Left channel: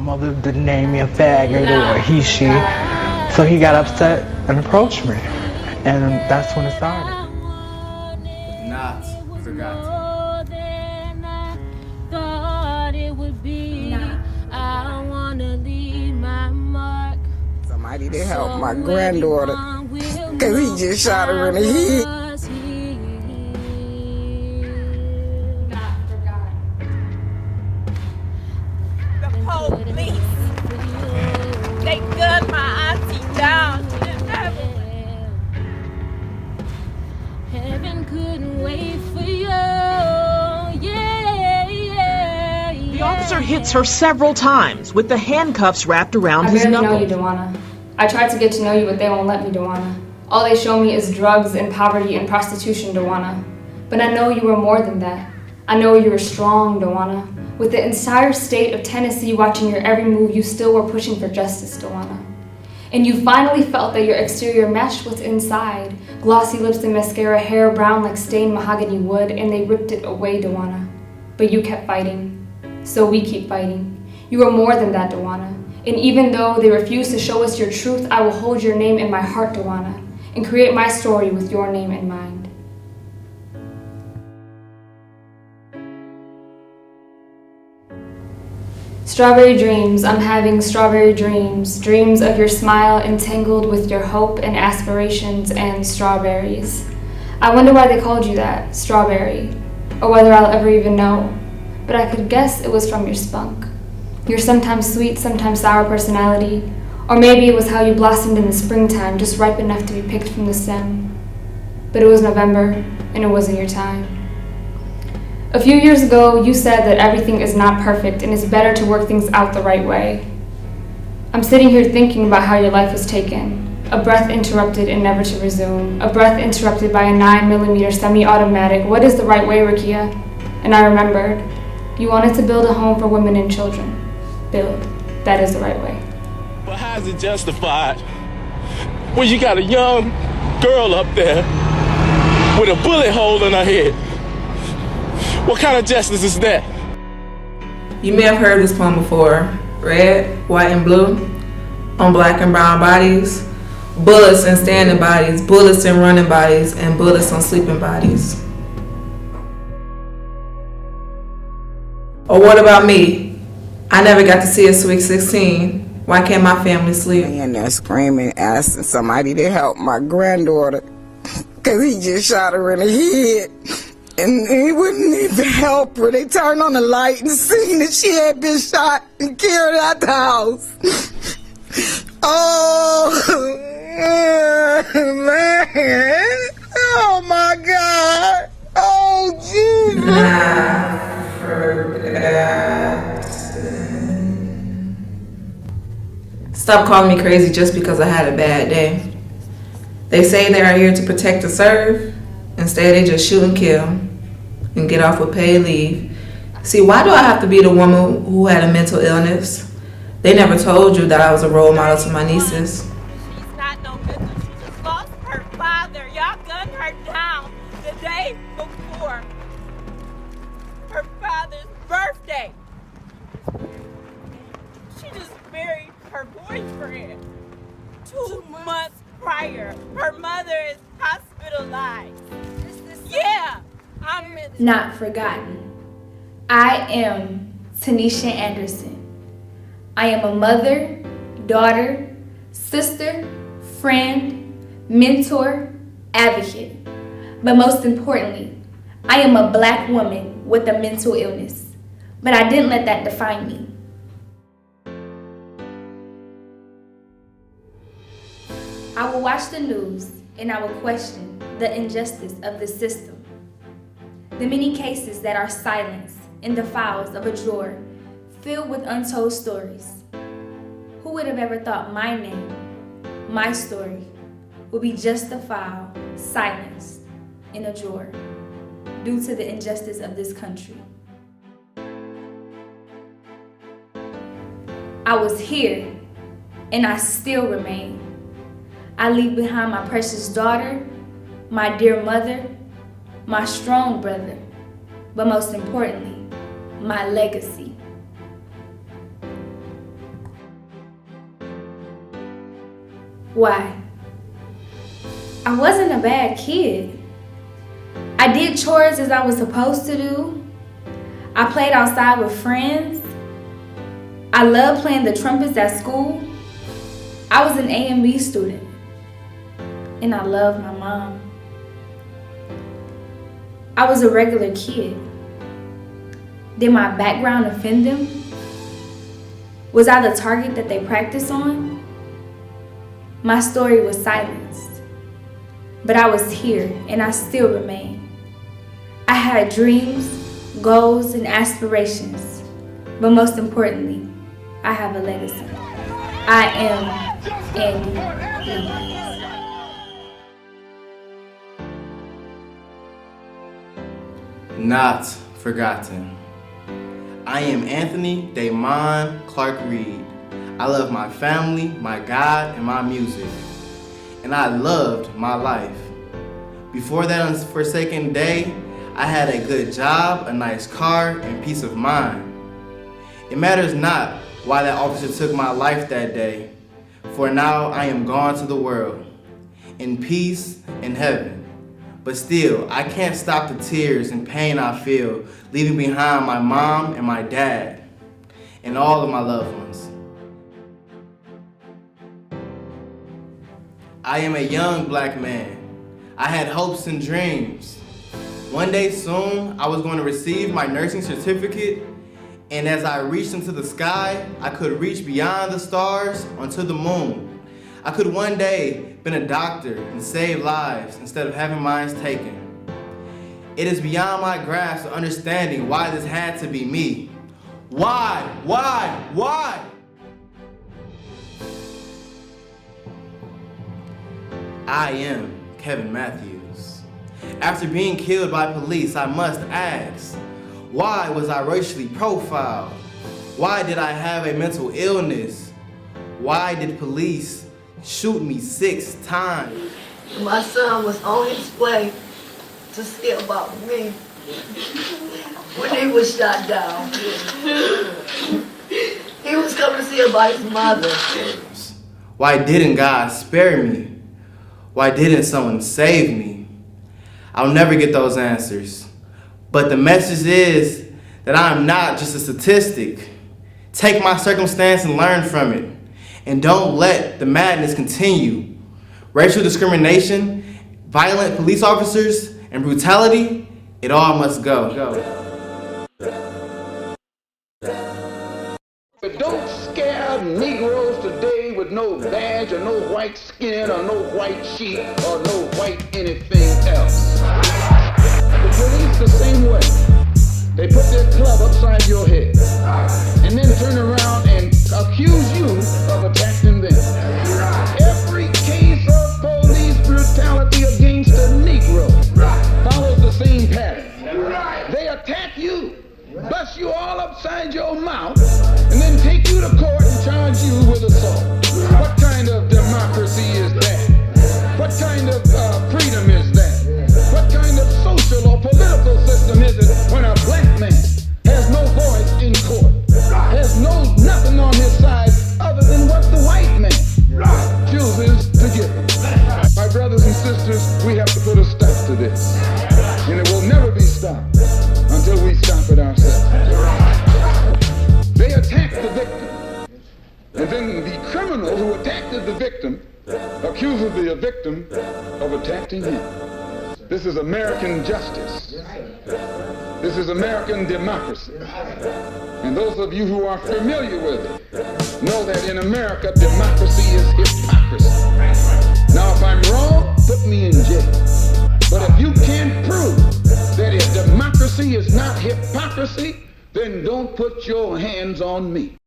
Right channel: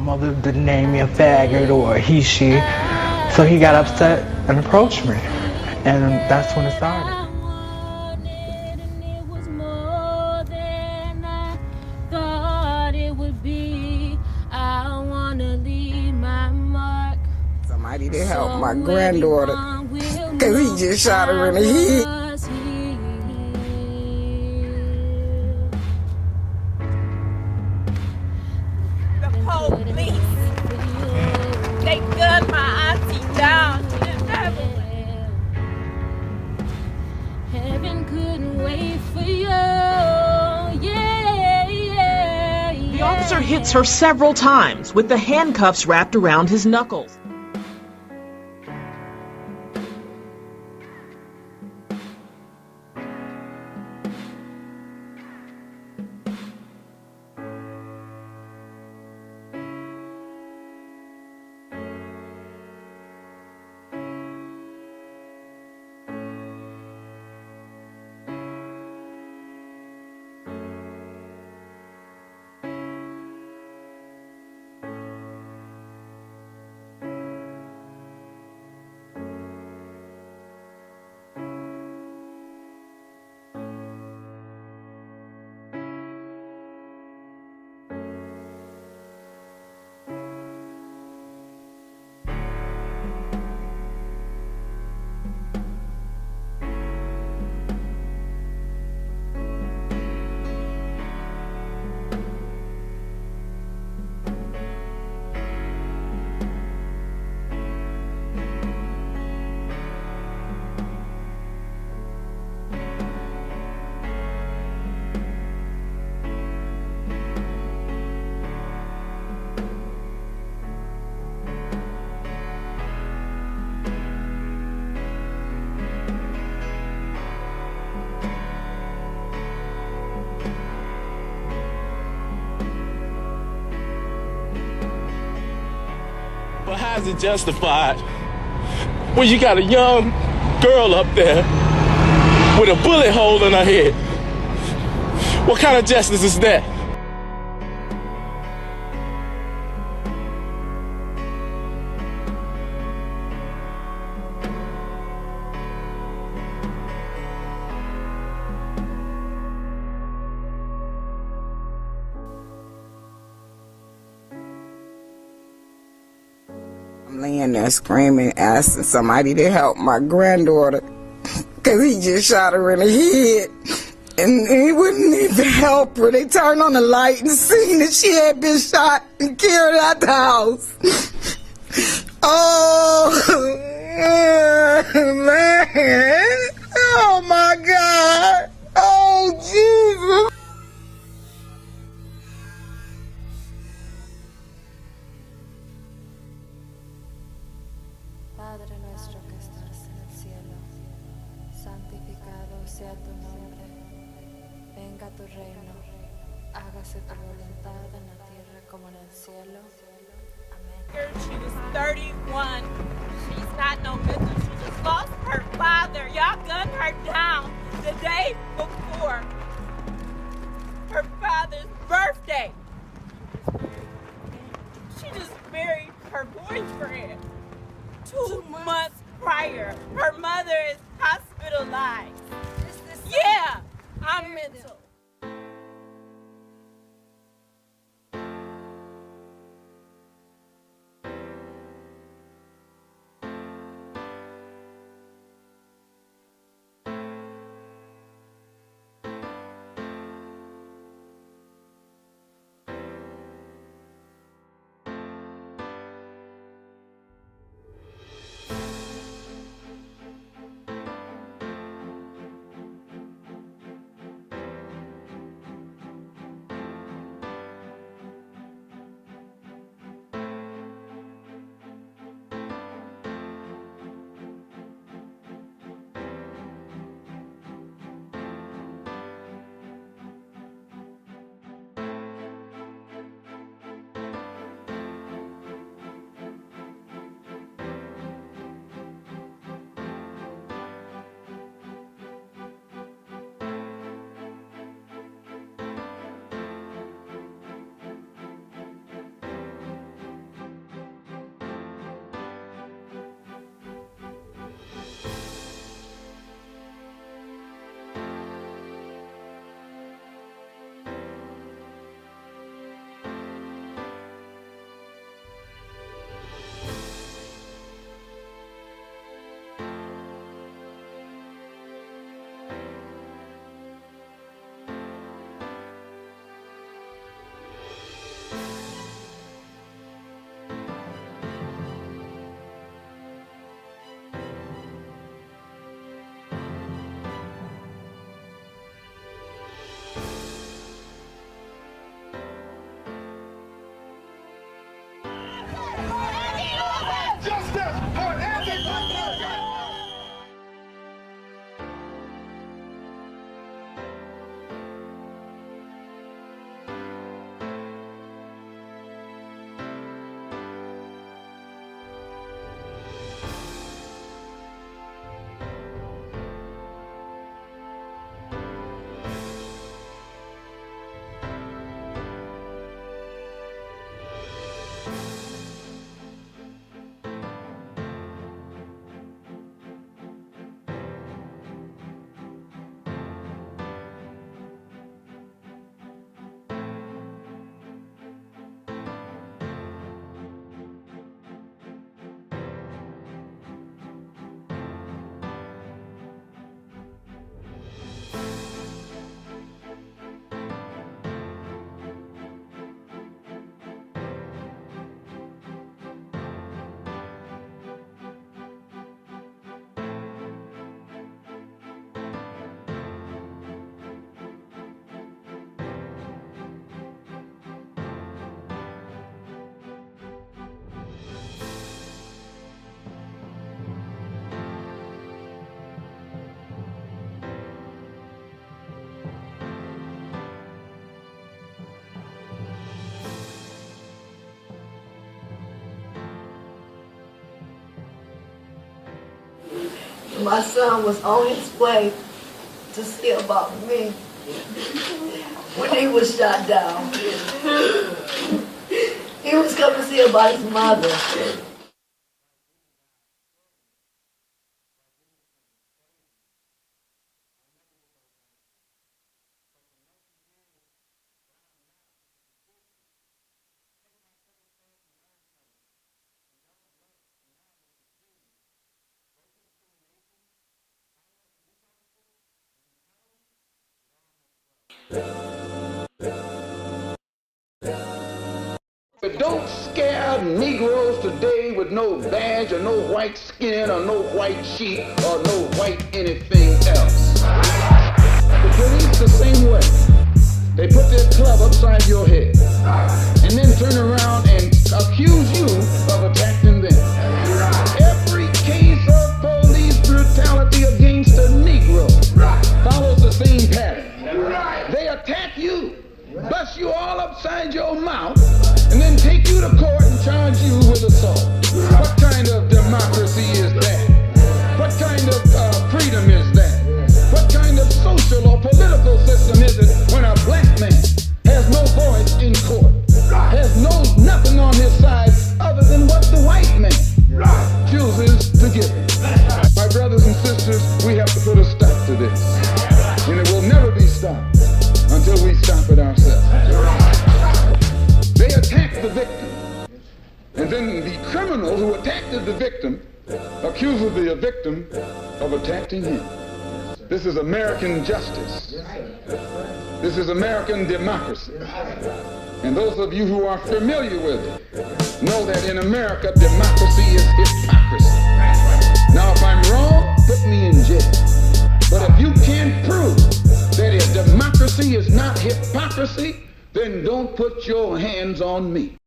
mother didn't name me a faggot or a he, she. So he got upset and approached me. And that's when it started. Somebody to help my granddaughter, cause he just shot her in the head. The police, they gunned my auntie down to the devil. Heaven couldn't wait for you. The officer hits her several times with the handcuffs wrapped around his knuckles. I tried to get to know you, but they won't let me, Dewana. All they show me is drugs and poverty and prostitution, Dewana. But I know you were more than that. I know you were strong, Dewana. With the entire state of Tennessee watching your every move, you still were pushing for justice, Dewana. And you finally felt that your exterior matched what's inside. Glossy lips and mascara, hair brown like stained mahogany wood, and they ripped it away, Dewana. But you kept fighting. So we keep fighting. You were more than that, Dewana. And even though they refuse to show us your truth, I will hold your name in my heart, Dewana, and create my story with your name in mind. Strawberry dreams, I'm having strawberry dreams. Dreams of your smile entangled with your hope and aspirations and strawberries. I wonder why they called you that, strawberry, or whether I'll ever even know. But I could guess it was from your spunk. Your sometimes sweet, sometimes sour personality. Or maybe it was how you blossomed in the springtime, just ripe enough to be picked from the stem. But it was November, and it wasn't your time. A few years ago, you said that everything is not perfect and it's better to work things out the right way. I'm sitting here thinking about how your life was taken. A breath interrupted and never to resume. A breath interrupted by a 9mm semi-automatic. What is the right way, Rakia? And I remembered. You wanted to build a home for women and children. Build. That is the right way. But how is it justified when you got a young girl up there with a bullet hole in her head? What kind of justice is that? You may have heard this poem before. Red, white, and blue on black and brown bodies. Bullets in standing bodies, bullets in running bodies, and bullets on sleeping bodies. Or what about me? I never got to see a Sweet 16. Why can't my family sleep? Laying there screaming, asking somebody to help my granddaughter, cause he just shot her in the head. And he wouldn't even help her. They turned on the light and seen that she had been shot and carried out the house. Oh, man. Oh, my God. Oh, Jesus. Stop calling me crazy just because I had a bad day. They say they are here to protect and serve. Instead, they just shoot and kill and get off with paid leave. See, why do I have to be the woman who had a mental illness? They never told you that I was a role model to my nieces. She's not no mental. She just lost her father. Y'all gunned her down the day before her father's birthday. She just married her boyfriend 2 months prior. Her mother is hospitalized. Yeah, I'm not forgotten. I am Tanisha Anderson. I am a mother, daughter, sister, friend, mentor, advocate. But most importantly, I am a Black woman with a mental illness. But I didn't let that define me. I will watch the news and I will question the injustice of the system. The many cases that are silenced in the files of a drawer filled with untold stories. Who would have ever thought my name, my story, would be just a file silenced in a drawer due to the injustice of this country? I was here and I still remain. I leave behind my precious daughter, my dear mother, my strong brother, but most importantly, my legacy. Why? I wasn't a bad kid. I did chores as I was supposed to do. I played outside with friends. I loved playing the trumpets at school. I was an A and B student. And I loved my mom. I was a regular kid. Did my background offend them? Was I the target that they practiced on? My story was silenced. But I was here, and I still remain. I had dreams, goals, and aspirations. But most importantly, I have a legacy. I am Not forgotten. I am Anthony Damon Clark Reed. I love my family, my God, and my music. And I loved my life. Before that unforsaken day, I had a good job, a nice car, and peace of mind. It matters not why that officer took my life that day, for now I am gone to the world, in peace in heaven. But still, I can't stop the tears and pain I feel, leaving behind my mom and my dad, and all of my loved ones. I am a young black man. I had hopes and dreams. One day soon, I was going to receive my nursing certificate, and as I reached into the sky, I could reach beyond the stars onto the moon. I could one day been a doctor and save lives instead of having mine taken. It is beyond my grasp of understanding why this had to be me. Why? I am Kevin Matthews. After being killed by police, I must ask, why was I racially profiled? Why did I have a mental illness? Why did police shoot me 6 times? My son was on his way to see about me when he was shot down. He was coming to see about his mother. Why didn't God spare me? Why didn't someone save me? I'll never get those answers. But the message is that I am not just a statistic. Take my circumstance and learn from it. And don't let the madness continue. Racial discrimination, violent police officers, and brutality, it all must go. But don't scare Negroes today with no badge or no white skin or no white sheet or no white anything else. The police the same way. They put their club upside your head and then turn around and accuse you of attacking them. Every case of police brutality against a Negro follows the same pattern. They attack you, bust you all upside your mouth, and then take you to court and charge you with assault. What kind of democracy is that? What kind of freedom is that? What kind of social or political system is it when a black man has no voice in court, has nothing on his side other than what the white man chooses to give him? My brothers and sisters, we have to put a stop to this, and it will never be stopped until we stop it ourselves. They attack the victim, and then the criminals who attacked the victim accuses the victim of attacking him. This is American justice. This is American democracy. And those of you who are familiar with it know that in America, democracy is hypocrisy. Now, if I'm wrong, put me in jail. But if you can't prove that democracy is not hypocrisy, then don't put your hands on me.